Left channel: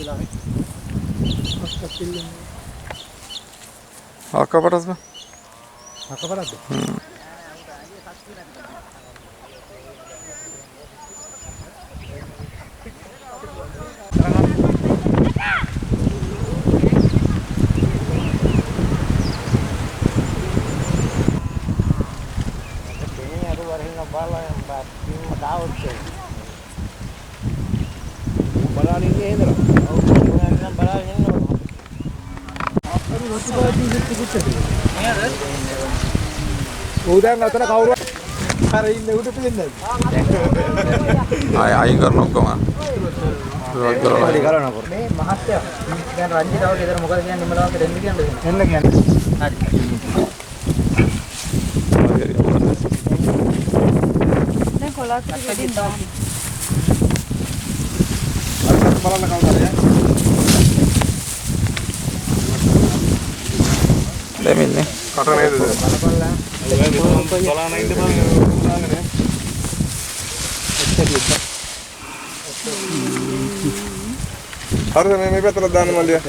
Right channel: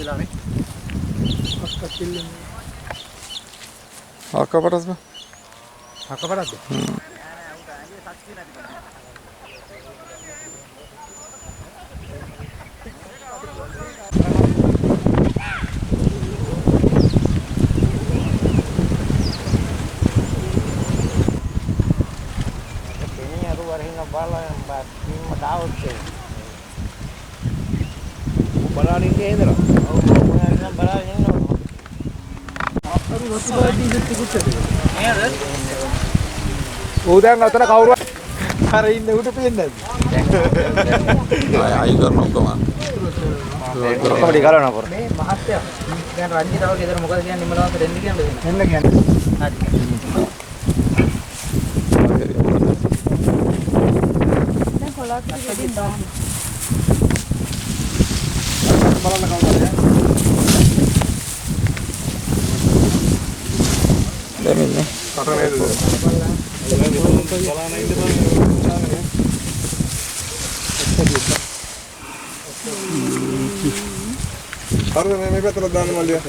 වෙලානේ. අක්කපටස් බා. අක්කපටස්ද? බලන්න ඉන්නේ හේදලා. ඔව් මම නම් බලන්න ඉන්නවා. අපි වස්තුපාදී හිට කුච්චද? නේද? ඔව් දැන් අතන කවුරු අර ඉන්නේ උඩ පේන්නේ ආය අයින් කරන ඔක්කොම. පොඩි ගලවන්න පොර. මේ මහත්තයා දැන් රංජිතාව ගෙදර මොකද කියන්නේ නිමලවන්ත දෙන්න කියන්නේ එන්න කියන්නේ. හරි. දැන් කොලක් දෙන්න දාන්න. අරකට බලන්න කවුරුද? දෙමින්නේ. කට නේද? බලන්න ඉන්න බං උනාගෙන. හරිද මේ පැත්තට දාන්න මල්ලිය.